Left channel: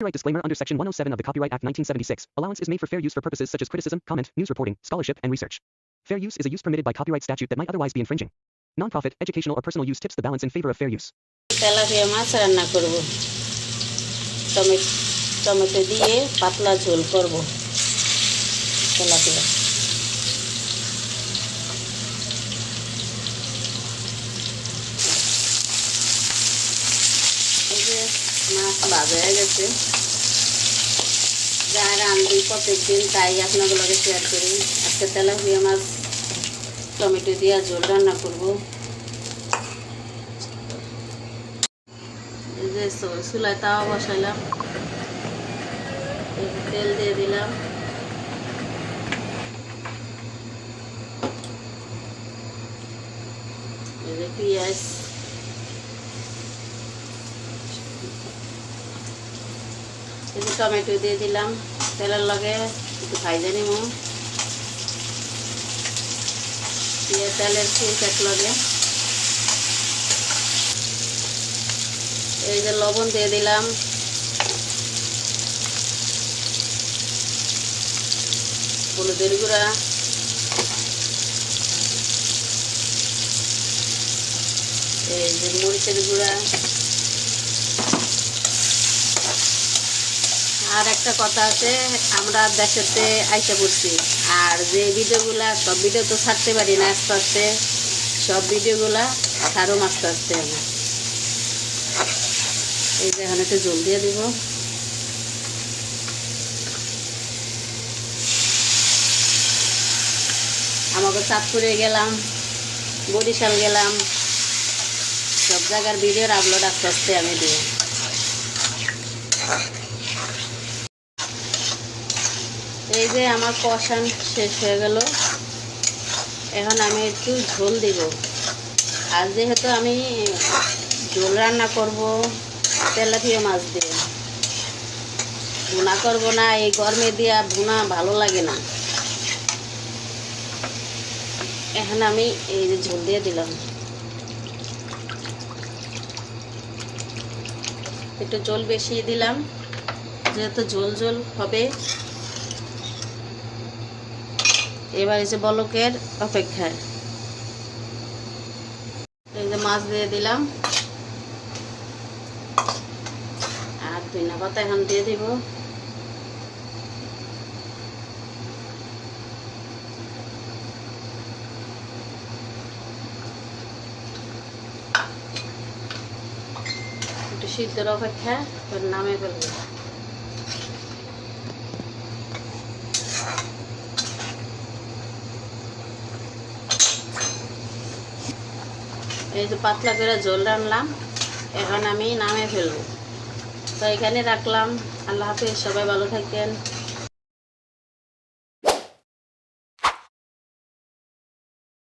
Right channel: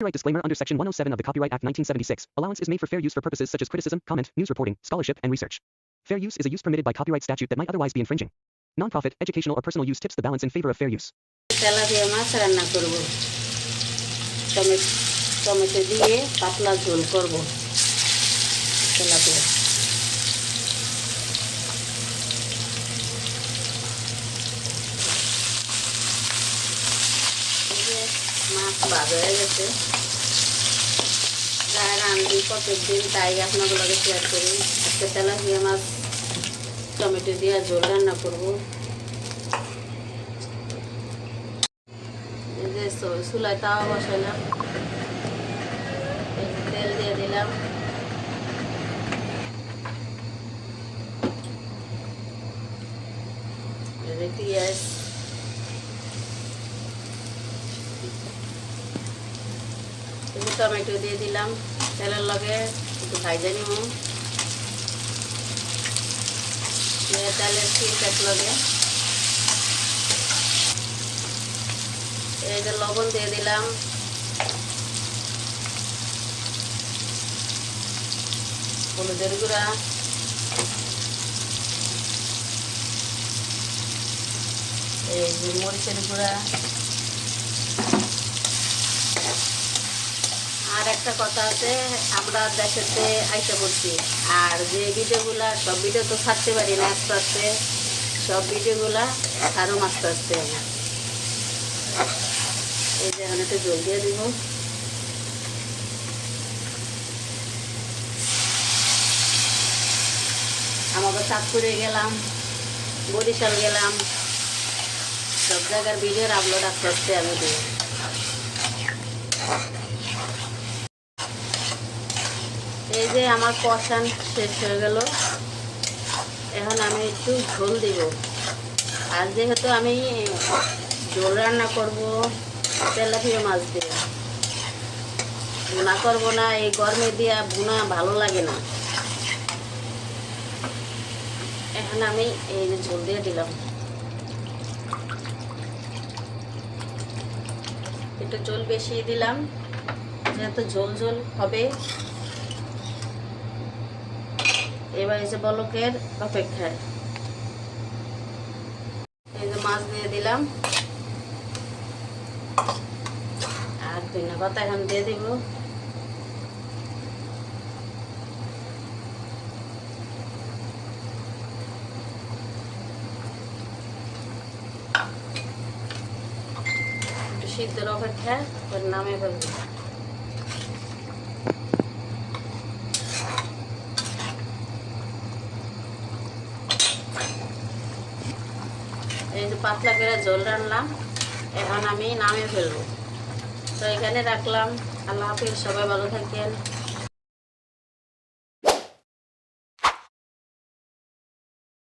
Copyright disclaimer under Section 107 of the Copyright Act 1976. Allowance is made for fair use for purposes such as criticism, comment, news reporting, scholarship, and research. Fair use is a use permitted by copyright statute that might otherwise be infringing. Non-profit, educational, or personal use tips the balance in favor of fair use. Tilapia মাছ রান্না করব। Tomato দিয়ে পাতলা ঝোল করব tilapia. এই যে মাছ ভাজা হয়ে গেছে। যারা রান্দি প্রত্যেকদিন তাই আপনাগুলোকে শেয়ার করি। আজকে তেলাপিয়া মাছ টমেটো দিয়ে ঝোল রান্না করব। চুলায় তাওয়া বসাইলাম, তেল দিয়ে দিলাম, পেঁয়াজ, টমেটো দিয়ে দিলাম, তেলের লগে একটু ভাজা নিব, তেলের ছিলকাট লগে এই যে লবণ দিয়ে দিলাম, হলুদের গুঁড়া, এই যে মরিচের গুঁড়া। আর একটা কথা আছে, আমরা দেশেতে আইসা করছি, আর যে ভিডিওগুলা সব ভিডিও তো ছাড়তে পারি না, আস্তে আস্তে সব ভিডিওগুলা ছাড়ুম আস্তে আস্তে। এই যে এখন একটু জল দিয়ে দিব, আমাকে চাঁদপুরে গেলাম, বরিশাল গেলাম, সব জায়গার ভিডিওর আপলোড আস্তে আস্তে আমি দিই। এই যে আমার কষান শেষ হয়ে গেল, এখন আমি একটু ঝোল দিব। আর যেহেতু আমি ঝোল রান্না করব তেলাপিয়া মাছ দিয়ে, ভুনা করব না, এই গরমে দিয়া ভুনা ভালো লাগে না। এখন আমি এই যে ঝোল দিয়ে দিলাম, একটু ঝোল বেশি দিলাম যেহেতু ঝোল ঝোল হবে। এবার এই যে বলকের অপেক্ষায় এই যে মাছ দিয়ে দিলাম, আর ধনিয়া পাতা এখন দিয়ে দিব। একটু সিদ্ধর অপেক্ষায় নামে ফেলব। এই যে পাতলা করে ঝোল রান্নাম, এখন আমি নামে ফেলবো। তো এখানে রাখলাম। আল্লাহ হাফেজ, সবাই ভালো থাকেন।